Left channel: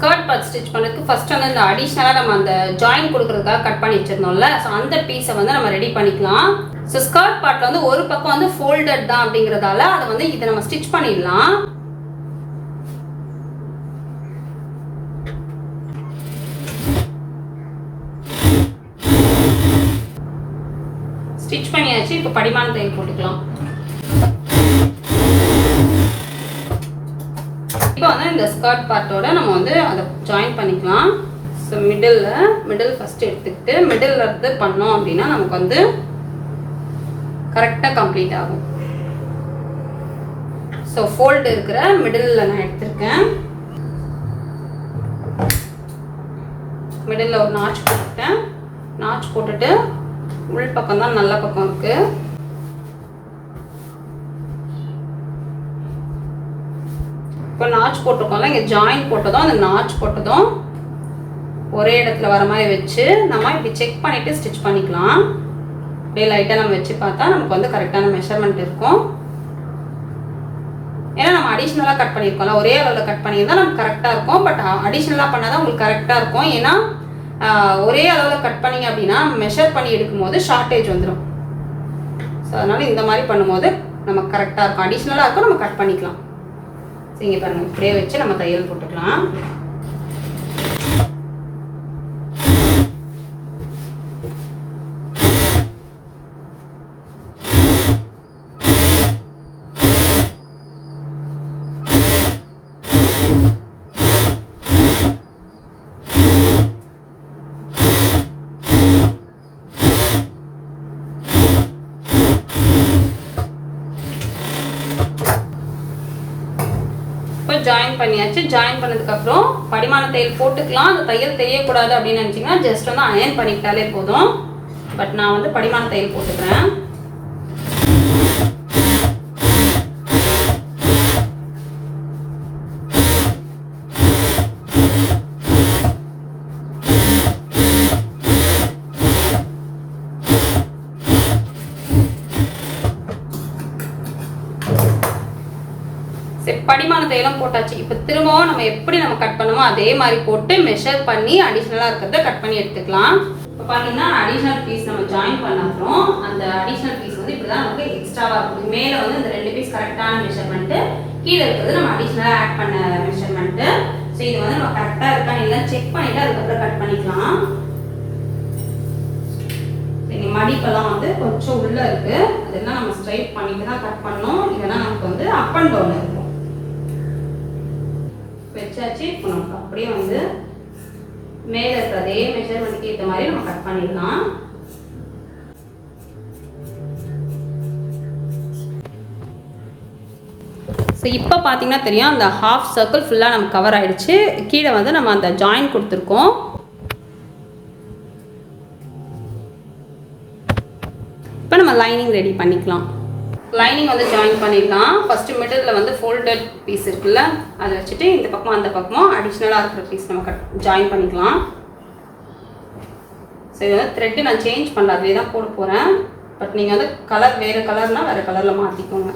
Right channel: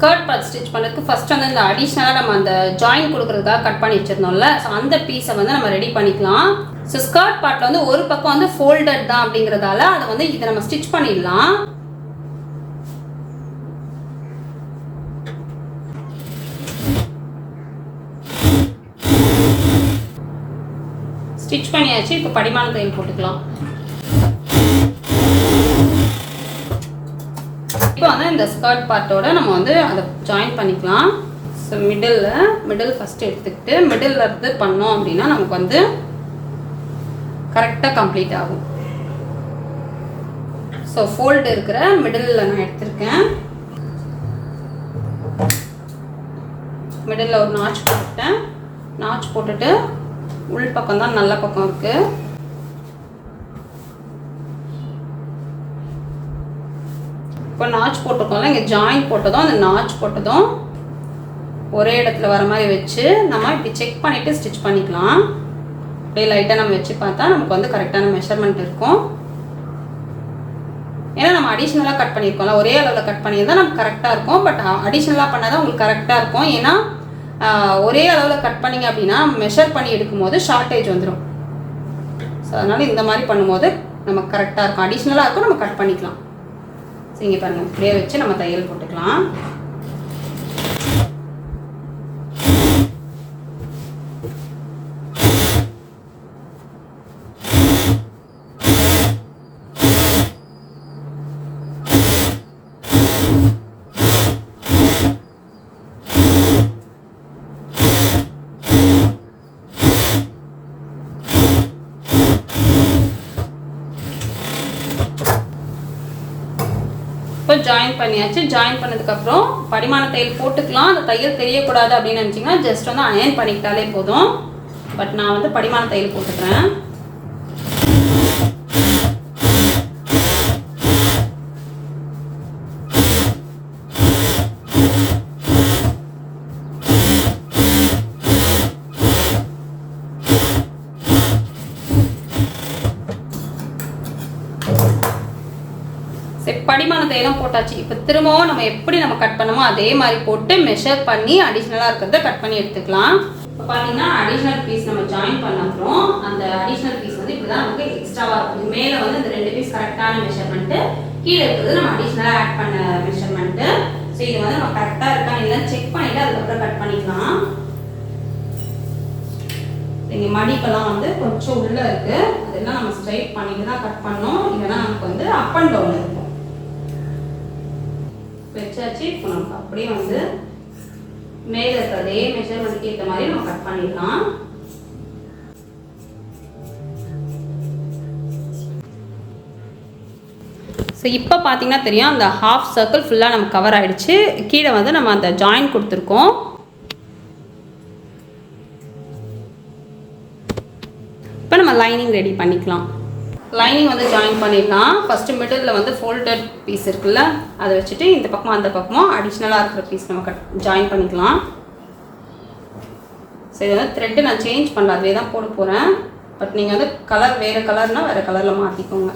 Skirt part stitch பண்ணுறதுக்கு first வந்து இந்த அடிஷ்னலாக நம்ம அந்த ஜாயின் கொடுக்குறதுக்காக கட் பண்ணி வச்சிருந்தோம்ல, ஸோ அந்த பீஸை வந்து நம்ம ரெடி பண்ணிக்கலாம். ஸோ ஸ்கர்ட் பார்ட்டில் வந்து ஒரு பக்கம் வந்து ஃபோல்டட் தான் அப்படிங்கிறதால அதை வந்து இதை நம்ம ஸ்டிச் பண்ணிடலாம். ஸ்டிச் பண்ணியாச்சு. இப்போ படிமான தையல் போட்டுக்கலாம். இப்போ வந்து இந்த ஸ்கர்ட் பார்ட்டோட நம்ம வந்து அதை ஜாயின் பண்ணிக்கலாம். ஸோ மிடில் ஃபஸ்ட் எடுத்துக்கிட்டு மிடில் இருந்து பண்ணோம் அப்படின்னா நமக்கு வந்து கரெக்டாக கம்ப்ளீட் ஆகும். ஸோ ஃபோல்டு இருக்கிற மிடில் நான் எடுத்திருக்கேன். மிடில் ஒரு நாச் போட்டுட்டேன். நாச் போட்டுட்டு உள் பக்கம் தான் நல்ல பக்கம் இருக்கு. இப்போ நாச் போட்டிருக்கோம்ல, இங்கே ஜாயின் போட்டதும் அந்த நாச் போட்டதும் ஒரே இடத்துல வர மாதிரி வச்சு நம்ம இப்படி செக் பண்ணிவிட்டு ஸ்டிச் பண்ணிக்கலாம். அப்படியே லைட்டாக நம்ம வச்சு பார்த்தா நமக்கு வந்து கரெக்டான மெஷர்மெண்ட் இருக்கும். ஏன்னா நம்ம அடிஷ்னலாக கட் பண்ணியிருக்கோம்ல, ஒரே அளவில் கட் பண்ணியிருந்தால் நமக்கு கரெக்டாக இருக்கும். பட் அடிஷ்னலாக பண்ணால் தான் உங்களுக்கு கரெக்டாக இருக்கும். ஏன்னா ஒரே அளவில் கட் பண்ணிங்க அப்படின்னா மெஷர் பண்ணி எடுக்கும்போது ஷார்ட்டேஜ் வந்துடும். ஸோ அதனால் இந்த மாதிரி பண்ணும்போது நமக்கு கரெக்டாக இருக்கும். அடிஷ்னலாக இருக்கும், நம்ம கட் பண்ணிக்கலாம். ஸோ இங்கே பாருங்கள், இப்படியே வச்சு நம்ம தையல் போட்டுக்கலாம். ஜாயின் பண்ணியாச்சு. ஜாயின் பண்ணதுக்கப்புறம் படிமான தையல் போட்டுக்கலாம். அந்த தையல் தெரியக்கூடாது அப்படின்னு நினச்சிங்கன்னா ஜஸ்ட் வந்து அயன் பண்ணிக்கிட்டாலே போதும். பட் நான் வந்து படிமான தையல் போட்டுக்கிறேன். படிமான தையலும் போட்டாச்சு. இப்போ திரும்பவும் நம்ம எப்படி நம்ம கட் பண்ணுமோ அதே மாதிரி போட்டு மெஷர் பண்ணி அடிஷ்னலாக இருக்கிறத கட் பண்ணி எடுத்துக்கலாம். இப்போ பார்த்தீங்கன்னா அடிஷ்னல் பீஸ் நம்ம ஜாயின் பண்ண அப்புறம் அந்த அடிஷ்னல் பீஸ் வந்து இப்படி தான் நமக்கு எக்ஸ்ட்ராவாக இருக்கும். மேலே வந்து இந்த 2 பீஸ் கரெக்டான மெஷர்மெண்ட்டு, கீழே இருக்கிறது நம்ம அடிஷ்னலாக ஆட் பண்ண மெஷர்மெண்ட்டு. ஸோ இது வந்து நம்ம கரெக்டாக இருக்கான்னு இல்லை செக் பண்ணிவிட்டு அதுக்கப்புறம் கட் பண்ணிக்கலாம். இங்கே மடிப்பெல்லாம் வந்து கொஞ்சம் உள்ளே இருக்குது, அதெல்லாம் நம்ம ஸ்ட்ரைட் பண்ணிட்டு தான் கட் பண்ணோம். இல்லைன்னா நமக்கு வந்து அப் அண்ட் டவுன் இருக்கும். வச்சாச்சு. இப்போ நமக்கு அப்படியே வந்து மேலே இருக்க அதே மெஷர்மெண்ட்க்கு ஏற்ற மாதிரி நம்ம கட் பண்ணிடலாம். ஸோ இப்போ பார்த்தீங்கன்னா தெரியும், அந்த ஹாஃப் சர்க்கிள் ஃபுல்லாக நம்ம கவர் ஆகிடுச்சு. கீழே வந்து நம்ம அந்த ஜாயின் கொடுத்துருக்கோம். இப்போ நம்ம லைனிங் ரெடி பண்ணிக்கலாம். லைனிங் வந்து ஜாயின் பண்ணிடலாம். ஃபஸ்ட்டு மிடில் வந்து ஃபோல்டட் பீஸ் இருக்குல்ல, அதை வச்சுட்டு இந்த பக்கம் அந்த பக்கமும் அடிஷ்னலாக இருக்கிற பீஸ் நம்ம ஜாயின் பண்ணிக்கலாம். ஸோ இது வந்து த்ரெட்டு நான் சேஞ்ச் பண்ணல, அதுவே தான் போட போகிறேன். பட் நீங்கள் வந்து கலர் வேறு கலர்னால் வேறு கலரில் மாற்றிக்கோங்க.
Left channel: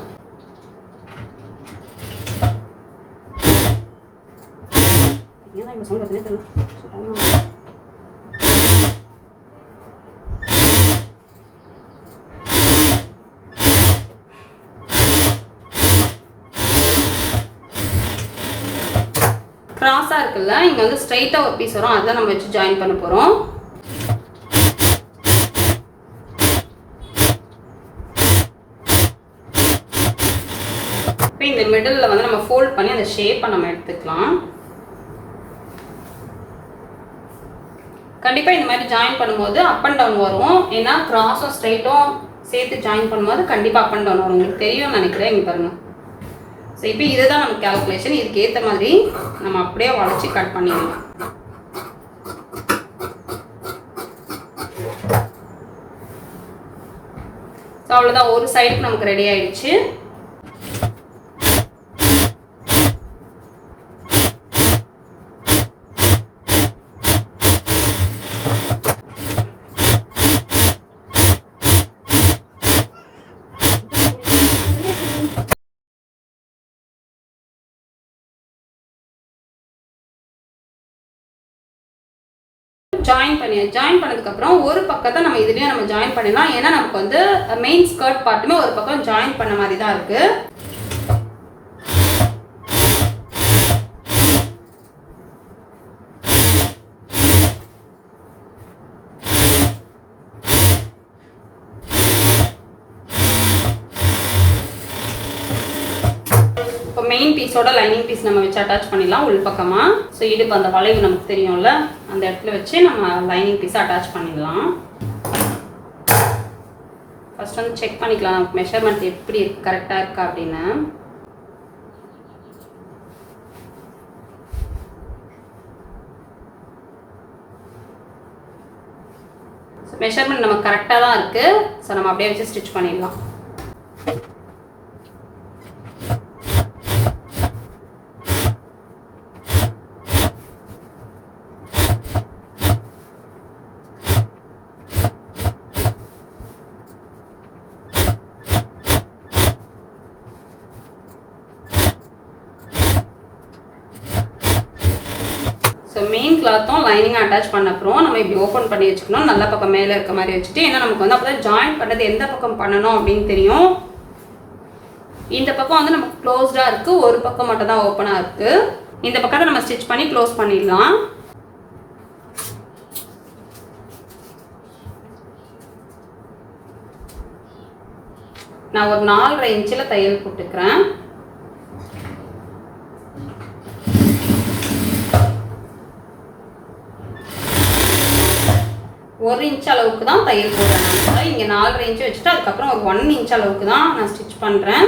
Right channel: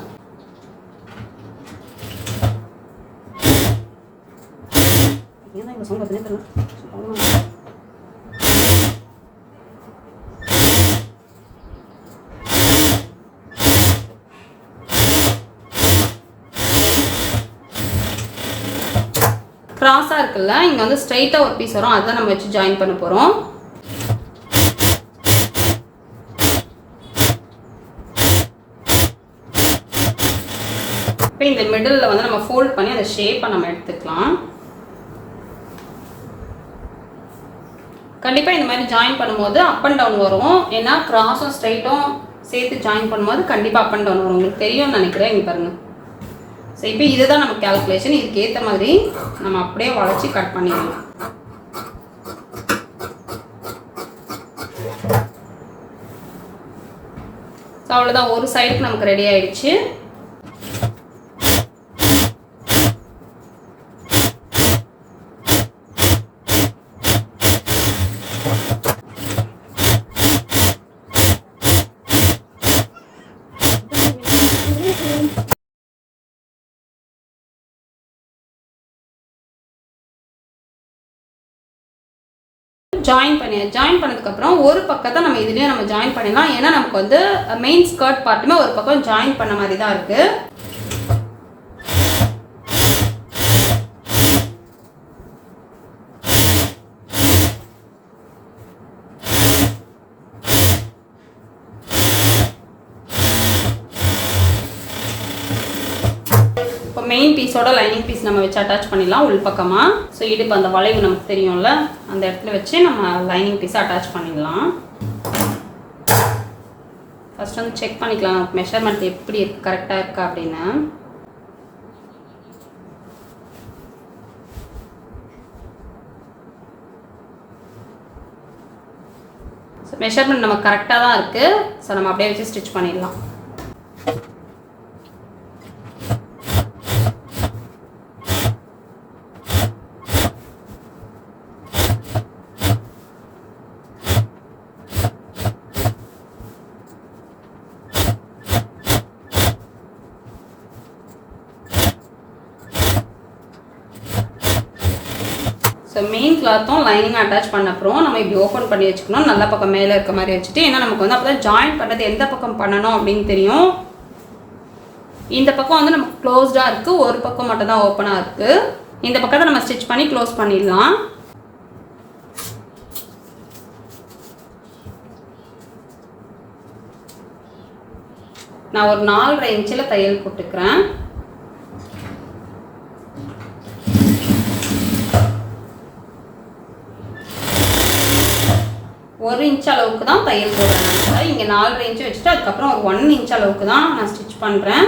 கிராஸாக இருக்குல்ல, இங்கே வந்து ஸ்ட்ரைட்டாக ஒரு பீஸ் வரும், அதுதான் நம்ம வச்சு ஜாயின் பண்ண போகிறோம். இப்போ இந்த மிடில் வந்து நம்ம ஃபோல்ட் பண்ணி அந்த ஷேப்பை நம்ம எடுத்துக்கலாம். கண்டிப்பாக இந்த மாதிரி ஜாயின் பண்ணும்போது அப் அண்ட் டவுன் வரும். ஏன்னா கிராஸும் ஸ்ட்ரைட்டும் சேர்த்து ஜாயின் பண்ணும்போது கண்டிப்பாக அப் அண்ட் டவுன் வரும். உங்களுக்கு தெரியும்னு நினைக்கிறேன். இங்கே பாருங்கள். ஸோ இப்போ இதுதான் நம்ம கேல்குலேஷன். இதுக்கு ஏற்ற மாதிரி நம்ம அப்படியே வளைச்சி கட் பண்ணிடலாம். ஸோ அவ்வளோதான், ஒரு சைடுக்கு நமக்கு ரெடி ஆயிடுச்சு. ஜாயின் பண்ணதுக்கப்புறம் ஒரு பக்கத்தை நம்ம இதுலேயும் நம்ம ஜாயின் பண்ணிடலாம். ஏன்னா நமக்கு வந்து மெயின் ஸ்கர்ட் பார்ட்டுமே ஒரு பக்கம் ஜாயின் பண்ண மாதிரி தான் இருக்குது. இப்போ மெயின் பீஸோட லைனிங் பீஸ் நம்ம வச்சு அட்டாச் பண்ணிடலாம் உள் பக்கமாக. ஸோ இடுப்பு அந்த வளைவு நமக்கு தெரியும்ல, அந்த இடத்துல வச்சு நம்ம லைனிங் பீஸை அட்டாச் பண்ணிடலாம். ஃபர்ஸ்ட் வந்து செக் பண்ணிக்கலாம் நமக்கு மெஷர்மெண்ட் எப்படி கரெக்டாக இருக்கா அப்படின்னு. ஸோ மெஷர்மெண்ட் நம்ம கரெக்டாக தான் இருக்குது. ஸோ நம்ம அப்படியே வச்சு ஸ்டிச் பண்ணிடலாம். ஸோ மெயின் கிளாத்தும் லைனிங் அட்டாச் பண்ண அப்புறம் நம்ம இப்படி ஓப்பன் பண்ணி வச்சுக்கணும். நல்ல பக்கம் மேலே இருக்க மாதிரி வச்சுட்டு, ஏன்னா நமக்கு வந்து அப்போ தான் ஜாயின் பண்ணுறது எந்த பக்கம் பண்ணணும் அப்படின்னு தெரியும். இந்த பக்கம் வந்து நமக்கு க்ளோஸ்டாக இருக்குது, ஒரு பக்கம் மட்டும் தான் ஓப்பனாக இருக்குது. இந்த பக்கத்தை நம்ம ஸ்டிச் பண்ணி க்ளோஸ் பண்ணிடலாம். நான் ஒரு 4.5 இன்ச்சில் தையல் போட்டுக்கிறேன். ஒரு இன்ச் அளவுக்கு தான் தையல் போடுறேன். இங்கே 4.5 இன்ச்சு வச்சுட்டு அதுக்கப்புறம் ஒரு 1 இன்ச் அளவுக்கு தான் நான் ஸ்டிச் பண்ணுறேன்.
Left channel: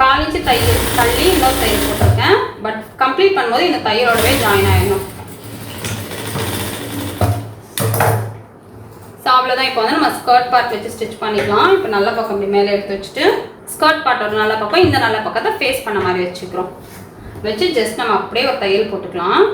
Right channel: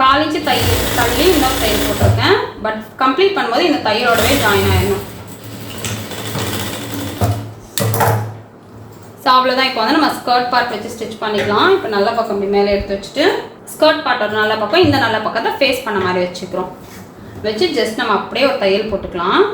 காலிச்சு தையல் தள்ளி இன்னொரு தையல் போட்டிருக்கேன். பட் கம்ப்ளீட் பண்ணும்போது இந்த தையலோடவே ஜாயின் ஆயிடணும். ஸோ அவ்வளோதான். இப்போ வந்து நம்ம ஸ்கர்ட் பார்ட் வச்சு ஸ்டிச் பண்ணிக்கலாம். இப்போ நல்ல பக்கம் இப்படி மேலே எடுத்து வச்சுட்டு ஸ்கர்ட் பார்ட்டோட நல்ல பக்கம் இந்த நல்ல பக்கத்தை ஃபேஸ் பண்ண மாதிரி வச்சுக்கிறோம். வச்சு ஜஸ்ட் நம்ம அப்படியே ஒரு தையல் போட்டுக்கலாம்.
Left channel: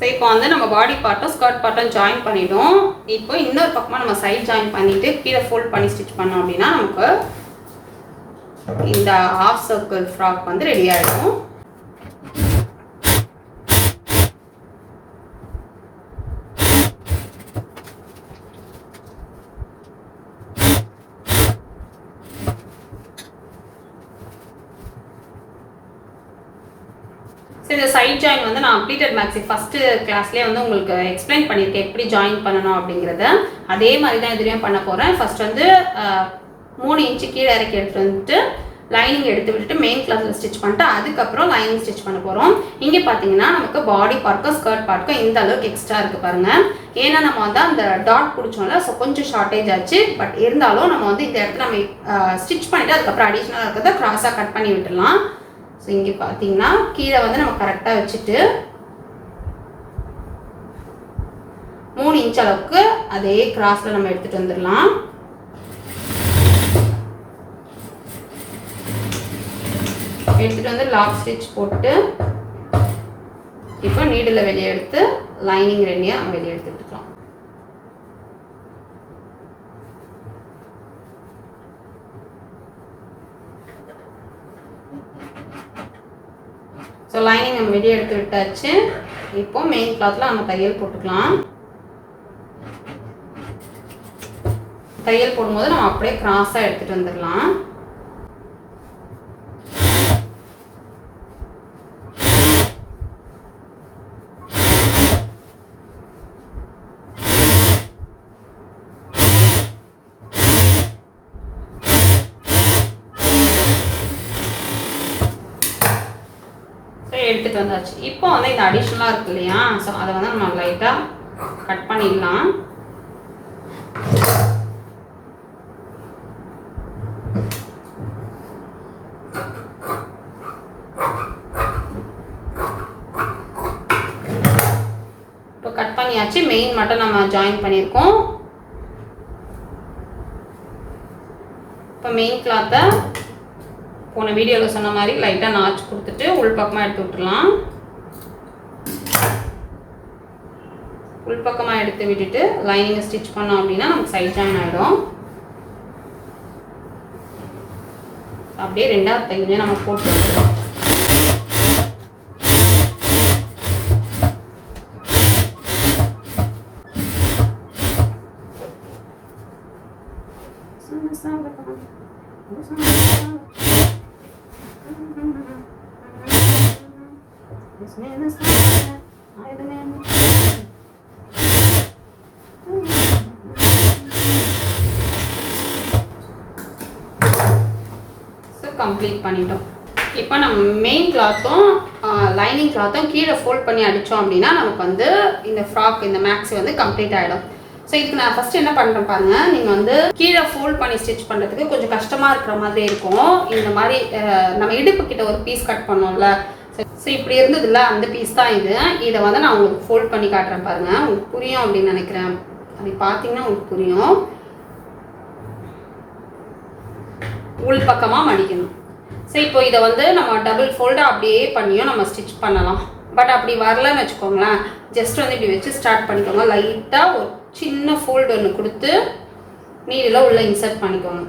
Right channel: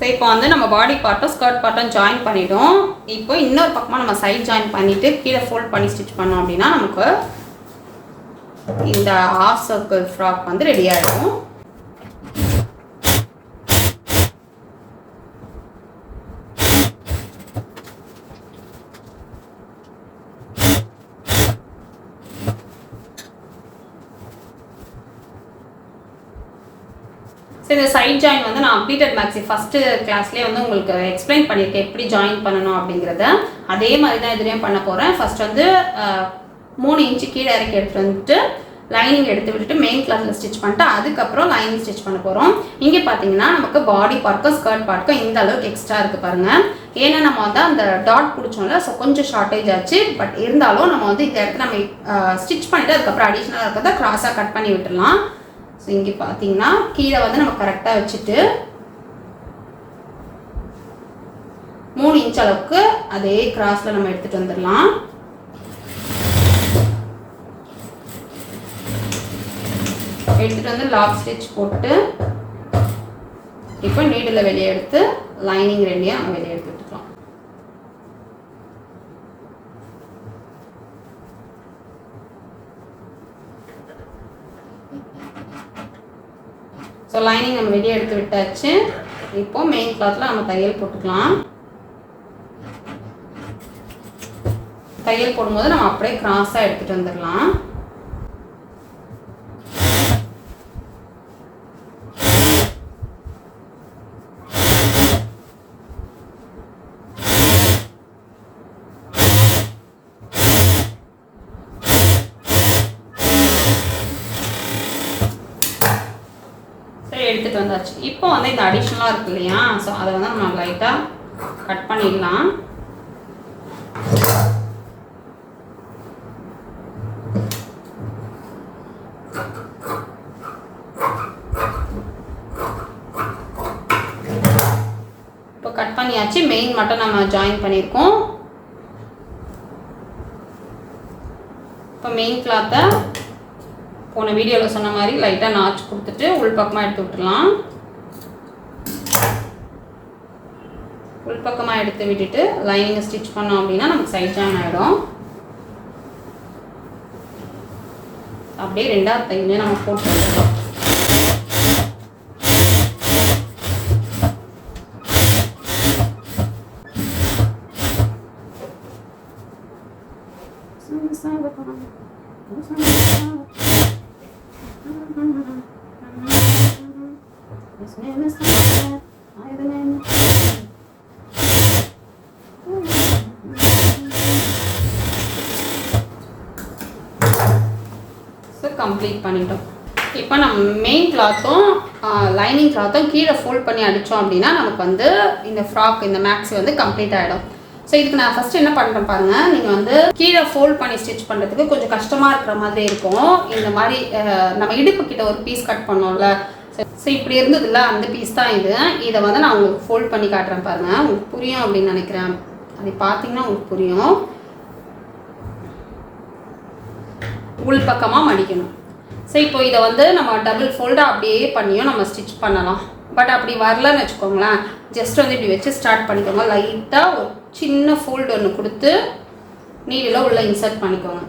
ஸோ இப்போ வந்து நம்ம பாடி பார்ட்டும் ஸ்கர்ட் பார்ட்டும் ஜாயின் பண்ணிவிடும். இப்போ இன்னொரு பக்கமாக நம்ம சைட் ஜாயின் பண்ணிவிட்டு கீழே ஃபோல்ட் பண்ணி ஸ்டிச் பண்ணோம் அப்படின்னா நமக்கு இந்த ஹாஃப் சர்க்கிள் ஃப்ராக் வந்து ரெடி ஆகிடும். இந்த சைட் ஜாயின் வந்து நான் அப்டேட்டட் மேக்ஸி ஃபஸ்ட்டு கிளாஸ்லேயே வந்து உங்களுக்கு எக்ஸ்பிளைன் பண்ணியிருக்கேன் எப்படி ஜாயின் பண்ணணும் அப்படிங்கிறத. அதே மாதிரி தான் இதுலேயும் பண்ண போகிறேன். ஃபஸ்ட் வந்து 3 இன்ச்சு கீழே இறக்கி எடுத்துகிட்டு வந்துட்டு லைனிங் எடுத்து விட்டுட்டு மெயின் கிளாத்தில் ஸ்டிச் பண்ணிட்டு அதுக்கப்புறம் லைனிங் ஸ்டிச் பண்ண போகிறோம். இங்கே பார்த்தீங்கன்னா நமக்கு பாடி பார்ட்க்கும் ஸ்கர்ட் பார்ட்க்கும் இந்த அளவுக்கு எக்ஸ்ட்ரா இருக்குது பாருங்கள். ஏன்னா நம்ம வந்து அந்த டாட் பிடிச்சோம்ல, ஸோ கொஞ்சம் ஷார்ட்டேஜ் ஆச்சு. பட் இருந்தாலும் நம்ம வந்து இந்த இடத்துல நம்ம ஸ்டிச் பண்ணிவிட்டு அதுக்கப்புறம் அடிஷ்னலாக இருக்கிறத கிராஸாக கட் பண்ணி விட்டுடலாம். ஸோ இங்கே பார்த்தீங்கன்னா கீழே வந்து நம்ம கரெக்டாக வச்சுட்டு 3 இன்ச் அளவுக்கு அதே கிராஸில் நம்ம எடுத்துகிட்டு வந்துடலாம். எடுத்துகிட்டு வந்து லாக் ஸ்டிச் போட்டு இப்போ நீடில் வெளியே எடுத்து லைனிங் ரெண்டியாக நம்ம வெளியே எடுத்துக்கலாம். ஸோ லைனிங் நம்ம வெளியே எடுத்து விட்டாச்சு. இப்போ மெயின் கிளாத்தில் நம்ம தையல் போட்டுக்கலாம். தையல் போடும்போது நம்ம அப்படியே கிராஸாக எடுத்துகிட்டு வந்துடலாம். எடுத்துகிட்டு வந்தாச்சு. இப்போ வந்து இந்த அடிஷ்னலாக இருக்கு இல்லையா, ஸோ அதை வந்து நம்ம லைட்டாக கட் பண்ணிடலாம். இப்போ கட் பண்ணியாச்சு. மெயின் மட்டும் நம்ம ஜாயின் பண்ணியிருக்கோம். இப்போ மெயின் கிளாத்தை போன வீடியோவில் சொன்ன மாதிரி லைட்டாக நாச்சு கொடுத்துட்டு உள்பக்கமாக எடுத்து விட்டுலாம். உள்பக்கமாக எடுத்து விட்டுட்டு லைனிங்கை ஸ்டிச் பண்ணோம் அப்படின்னா நமக்கு சைட் ஜாயின் ஆகிடும். அப்படியே ரெண்டாவது தையலே நம்ம போட்டு வச்சுக்கலாம். கம்ப்ளீட் பண்ணிட்டோம். இப்போ நம்ம மெயின் கிளாத்தும் லைனிங் கிளாத்தும் கீழே ஃபோல்ட் பண்ணி அடித்தோம் அப்படின்னா நமக்கு வந்து இந்த ஃப்ராக் இந்த மேக்ஸி வந்து கம்ப்ளீட் ஆகிடும். ஸோ இதுக்கு நான் ஃபஸ்ட்டு என்ன பண்ணுறேன் பாருங்கள். நீங்கள் வந்து கீழே ஃபோல்ட் பண்ணி ஸ்டிச் பண்ணுறதுக்கு கொஞ்சம் கஷ்டமாக இருக்கிற மாதிரி இருக்கும். இந்த மாதிரி நம்ம இடுப்பு கிட்ட ஒரு பீஸ் கட் பண்ணோம்ல, ஸோ இப்படி இருந்ததில்ல, அந்த பீஸ் தான் இது. இதை வந்து நான் உங்களுக்கு ஃபோல்ட் பண்ணி காட்டுறேன் பாருங்கள். உங்களுக்கு புரியும் அப்படின்னு நினைக்கிறேன். அது பார்த்தீங்கன்னா உங்களுக்கு புரியும். உள் பக்கமாக மடிக்கணும். ஸோ இப்போ இதை வந்து நம்ம டபுள் ஃபோல்டாக அப்படியே பண்ணியும் நம்ம ஸ்டிச் பண்ணலாம். பட் அப்படி வரலன்னு வச்சுக்கோங்களேன், ஜஸ்ட் வந்து இப்படி வச்சு ஸ்டார்ட் பண்ணிக்கோங்க. லைட்டாக ஒரு சின்ன ஃபோல்டு ஒன்று கொடுத்து நீடில் உள்ளே இன்சர்ட் பண்ணிக்கோங்க.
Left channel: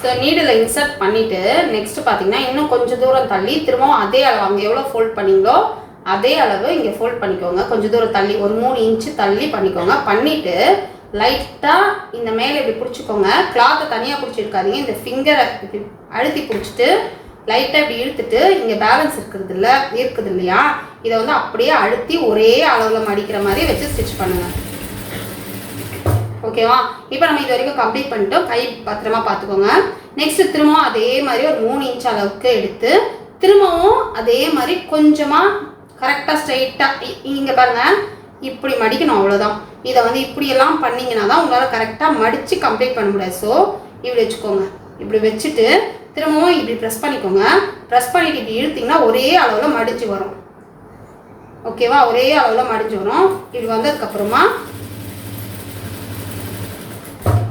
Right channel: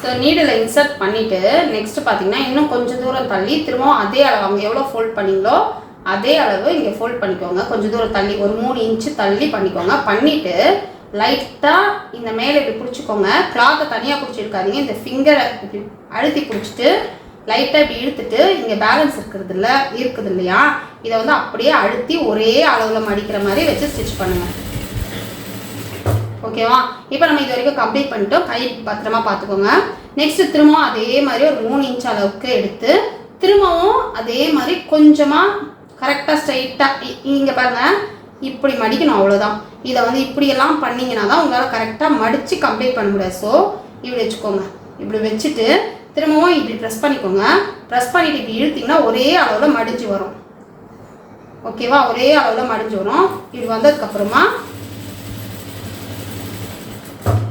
ஸோ நீடில் இன்சர்ட் பண்ணிவிட்டு நெக்ஸ்ட்டு பார்த்தீங்கன்னா இன்னும் கொஞ்சம் தூரம் தள்ளி திரும்பவும் அதே அளவு அங்கே எவ்வளோ ஃபோல்ட் பண்ணிங்களோ அதே அளவு இங்கே ஃபோல்ட் பண்ணிக்கோங்க. கொஞ்சம் தூரம் தள்ளி ஒரு 3 இன்ச்சு தள்ளி பண்ணிக்கோங்க. பண்ணிவிட்டு லைட்டாக இந்த மேலே இப்படி பிடிச்சிக்கோங்க. கிளாத்தை தனியாக பிடிச்சிருக்காதீங்க. இந்த ஃபிங்கரை இப்படி அழுத்தி பிடிச்சிட்டு லைட்டாக இப்படி இழுத்துட்டு இங்கே பேலன்ஸ் இருக்குது இல்லையா, இதை வந்து அப்படியே அழுத்தி ஒரே அளவில் மடிக்கிற மாதிரி வச்சு ஸ்டிச் பண்ணுங்கள். ஓகேவா? இப்போ நம்ம இது வரைக்கும் கம்ப்ளீட் பண்ணிட்டோம். கை பத்திரமா பார்த்துக்கோங்க. நெக்ஸ்ட்டு திரும்பவும் அதே மாதிரி ஒரு 3 இன்ச் அளவுக்கு எடுத்து திரும்பவும் அதே மாதிரி கொஞ்சமாக கரெக்டாக ஸ்ட்ரைட்டாக இங்கே பாருங்கள் இப்படி மடிக்கணும். அவ்வளோதான். இதை வந்து இப்படியெல்லாம் பண்ணிங்கன்னா தான் உங்களால் கரெக்டாக மடித்து கம்ப்ளீட் பண்ண முடியாது. ஸோ இப்படி வச்சுக்கோங்க. இப்படி வச்சுட்டு திரும்பவும் இப்படி ப்ரெஸ் பண்ணிக்கோங்க. ப்ரெஸ் பண்ணிவிட்டு இப்படி இழுத்திங்கன்னா ஒரே அளவில் மடிஞ்சு வரும். ஓகேவா? ஒரே அளவில் மடிஞ்சு வரும். இது வந்ததுக்கப்புறமா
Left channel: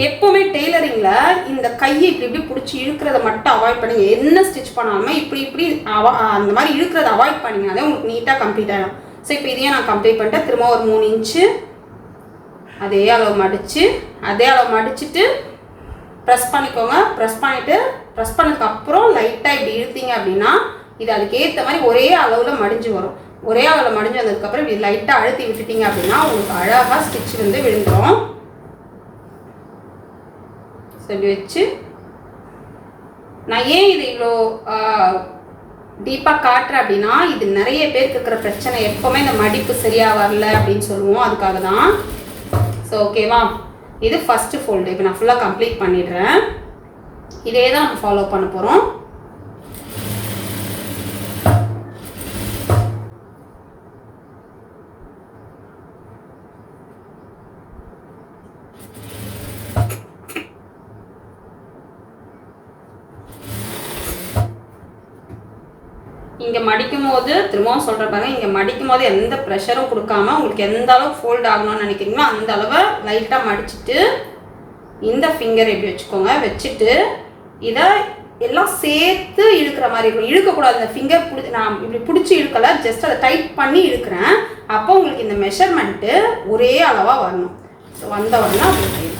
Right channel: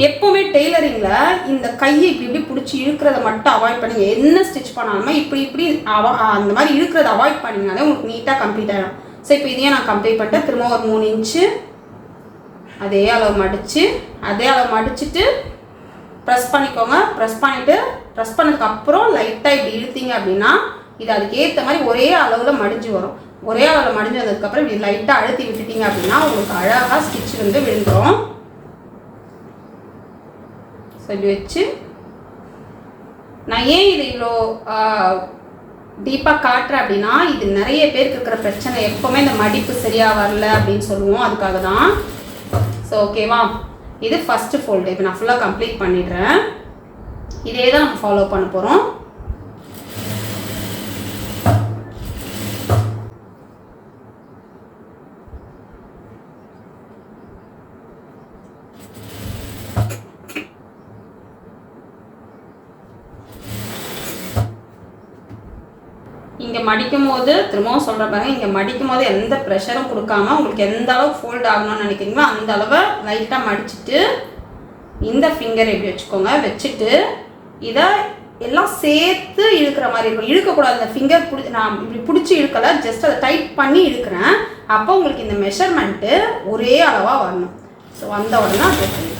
எப்போவுமே டெய்லரிங்கில் இந்த கையை இப்படி இப்படி பிடிச்சி இழுக்கிறத மட்டும் அவாய்ட் பண்ணுங்க. என்ன ஸ்டிச் பண்ணாலுமே இப்படி அந்த மாதிரி இழுக்கிறத அவாய்ட் பண்ணிங்கனாலே உங்களுக்கு நீட்டாக கம்ப்ளீட் ஆகிடும். ஸோ இப்போ இதையே நான் கம்ப்ளீட் பண்ணிட்டேன். திரும்ப ஒரு 3 இன்ச்சு அதே அளவு மடிச்சுட்டு ப்ரெஸ் பண்ணிக்கோங்க. ப்ரெஸ் பண்ணதுக்கப்புறம் லைட்டாக இப்படி இழுத்தீங்க அப்படின்னா இது அதுக்கேற்ற மாதிரி ஒரே அளவில் மடிஞ்சு வரும். ஒரே அளவில் மடிஞ்சு வந்ததுக்கப்புறம் இப்படி லைட்டாக அழுத்தி விட்டுட்டீங்க அப்படின்னா உங்களுக்கு அழகாக ஸ்டிச் வந்து விழுந்துடும். ஸோ இப்படி வச்சு நான் ஏன் இது இவ்வளோ டீப்பாக காட்டுறேன் அப்படின்னா, இது நிறைய பேருக்கு இருக்கிற பிரச்சனை. எப்போவுமே இந்த மடிப்பு சரியாக வரல அப்படின்னு சொல்லுவோம். அதுக்காக தான். ஸோ ஓகேவா? இது ஃபஸ்ட்டு ஃபோல்டு. இப்போ நான் ஃபுல்லாக கம்ப்ளீட் பண்ணிடுறேன். இதே தான் நம்ம ஃபாலோ பண்ண போகிறோம். இங்கே மடிக்கும் போது திரும்பவும் சொல்கிற பாருங்க, இங்கே மடிக்கும் போது எந்த ப்ரெஷரும் கொடுக்காம உங்களுக்கு எந்த அளவுக்கு ஃபோல்ட் ஆகணும்னு நினைக்கிறீங்களோ அந்த அளவை லைட்டாக மடிச்சுட்டு இந்த ஃபிங்கர் எப்படி வச்சுக்கோங்க. வச்சுட்டு இதை எல்லாம் சேர்த்து இழுக்கிற மாதிரி இருக்கும். இழுக்கக்கூடாது. இந்த ஃபிங்கர் நான் இப்படி பிடிச்சி இழுக்கலை, ஜஸ்ட் அதை டைட் பண்ணி இழுக்கிறேன். அப்போ உங்களுக்கு இந்த மெஷர்மெண்ட்டு ஒரே அளவாக வரணும். ஸோ வந்த உடனே அப்படி செய்யணும்.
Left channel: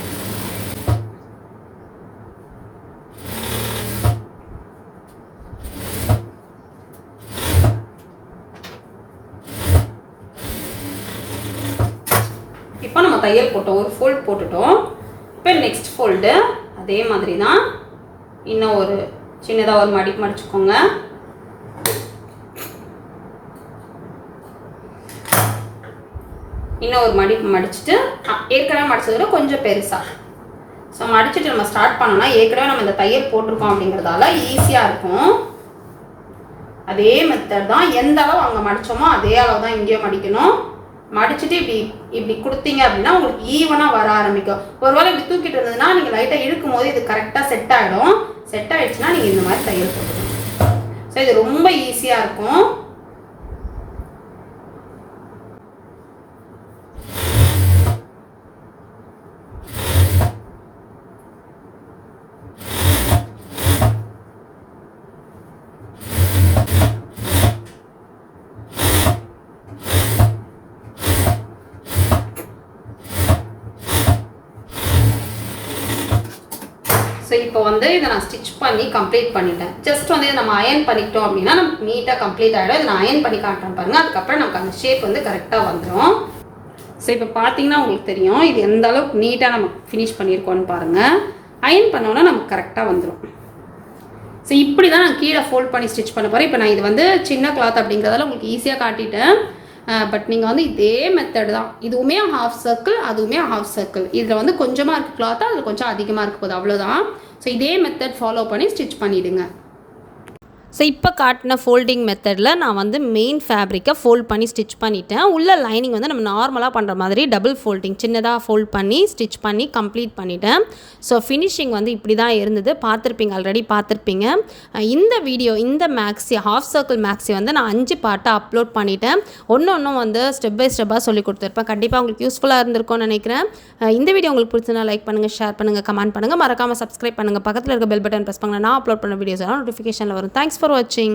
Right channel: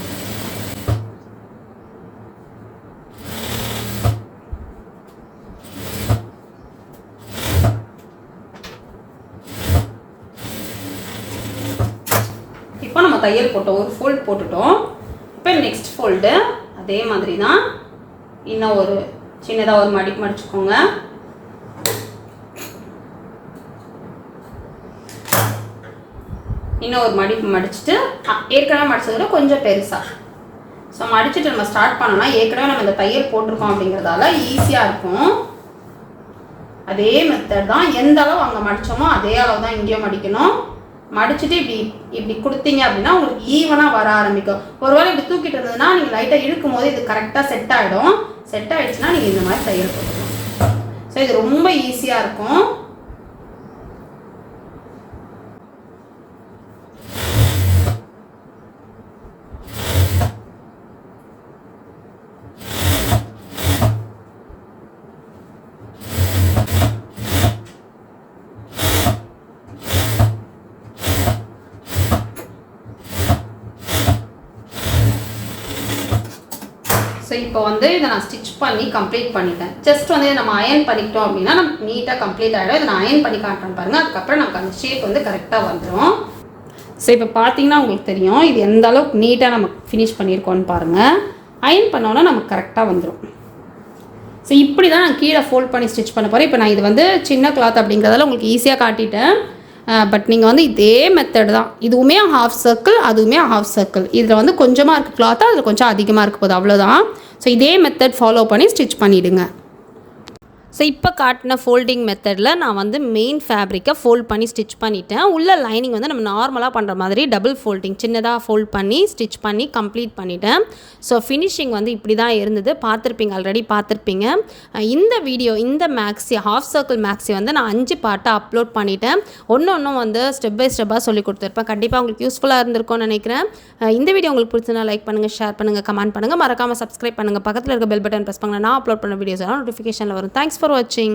இப்போ நம்ம தையல் போட்டோம், ஒரு ஃபோல்ட் போட்டுட்டோம். இப்போ நெக்ஸ்ட் ஃபோல்டு அதே மாதிரி தான். இன்னும் ஒரு சின்னதாக ஒரு மடிச்சுக்கோங்க. இன்னும் ஒரு மடிச்சுட்டு ஏற்கனவே மடிச்சதோட கொஞ்சம் பெருசாக. ஸோ மடிச்சுட்டு நம்ம ஸ்டார்ட் பண்ணோம்னா ஏற்கனவே நம்ம இந்த தையல் போட்டிருக்கோம் அப்படிங்கிறதால ஈஸியாக இருக்கும். அதே மெத்தட் தான். எந்த அளவு அங்கே மடித்தோமோ அதே அளவு தான் இங்கேயும் மடிக்கணும். மடிச்சுட்டு இப்படி கொடுத்தீங்க அப்படின்னா உங்களுக்கு ஈவனாக வர ஆரம்பிக்கும். ஒருவேளை இப்படி தூக்கிட்டு இருந்ததுன்னா நீங்கள் லைட்டாக இழுக்கும் போது இது கரெக்டாக செட் ஆகிடும். செட் ஆகிடுச்சுன்னா நீங்கள் இந்த மாதிரி தையல் போட்டுக்கணும். ஸோ இது ரொம்ப ஈஸியாக இருக்கும். ஸோ இப்போ வந்து இதை நான் ஸ்டிச் பண்ணி கம்ப்ளீட் பண்ணிட்டேன். ஜஸ்ட் வந்து இதை நம்ம அயன் பண்ணிக்கிட்டோம் அப்படின்னா நமக்கு நீட்டாக கம்ப்ளீட் ஆகிடும். இதை நான் அயன் பண்ணி காட்டுறேன் பாருங்கள். அதுக்கப்புறம் நமக்கு அந்த ஷேப் வந்து கரெக்டாக வந்துடும். ஸோ இப்போ பார்த்தீங்கன்னா உங்களுக்கு தெரியும் இது எந்த அளவுக்கு நீட்டாக நம்ம ஃபினிஷ் பண்ணியிருக்கோன்னு பாருங்கள். அயன் பண்ணோன்னா நமக்கு கரெக்டாக வந்துடும். ஸோ இப்படி தான் நான் கீழே ஃபோல்ட் பண்ணி ஸ்டிச் பண்ண போகிறேன். இப்போ நான் இது வந்து சின்ன கிளாத் அப்படிங்கிறதால உங்களுக்கு ஈஸியாக காட்டிட்டேன். பட் நீங்கள் வந்து இதே மெத்தட் தான். இதுவுமே ஹாஃப் சர்க்கிள், அதுவுமே ஹாஃப் சர்க்கிள். இதில் வந்து கொஞ்சமாக இருக்குது கிளாத்து, அதில் கொஞ்சம் அதிகமாக இருக்க போகுது, அவ்வளோதான். ஸோ இதே மெத்தட் ஃபாலோ பண்ணி ஸ்டிச் பண்ணிவிடுங்க. ஸோ இப்போ காட்டின ஃபோல்டிங் மெத்தடில் நான் வந்து மெயின் ஃபேப்ரிக்கை ஃபோல்ட் பண்ணி ஸ்டிச் பண்ணிட்டேன். உள்ள லைனிங் வந்து நம்ம நார்மலாக பண்ணுற மாதிரி டபுள் ஃபோல்டிங் சின்னதாக ஃபோல்ட் பண்ணி ஸ்டிச் பண்ணி கம்ப்ளீட் பண்ணிட்டேன். ஸோ ஃபினிஷிங் வந்து இப்படி தான் இருந்தது. பார்த்துருப்பீங்க, ஆல்ரெடி பார்த்துருப்பீங்க. இந்த வீடியோ இந்த மேக்ஸி ஹாஃப் சர்க்கிள் மேக்ஸி வந்து நான் 5 பார்ட்டாக அப்லோட் பண்ணிட்டேன். ஒன்றும் வந்து ஸ்டெப் பை ஸ்டெப்பாக சொல்லி கொடுத்துருப்பேன். கண்டிப்பாக உங்களுக்கு யூஸ்ஃபுல்லாக இருந்திருக்கும்னு நினைக்கிறேன். இந்த வீடியோ உங்களுக்கு பிடிச்சதுனா லைக் பண்ணுங்கள், ஷேர் பண்ணுங்கள், கமெண்ட் பண்ணுங்கள், மறக்காமல் சப்ஸ்கிரைப் பண்ணுங்கள். பக்கத்தில் இருக்க பெல் பட்டன் ப்ரெஸ் பண்ணுங்கள். நான் அப்லோட் பண்ண வீடியோஸ் எல்லாம் நோட்டிஃபிகேஷனில் வரும். Thanks for watching.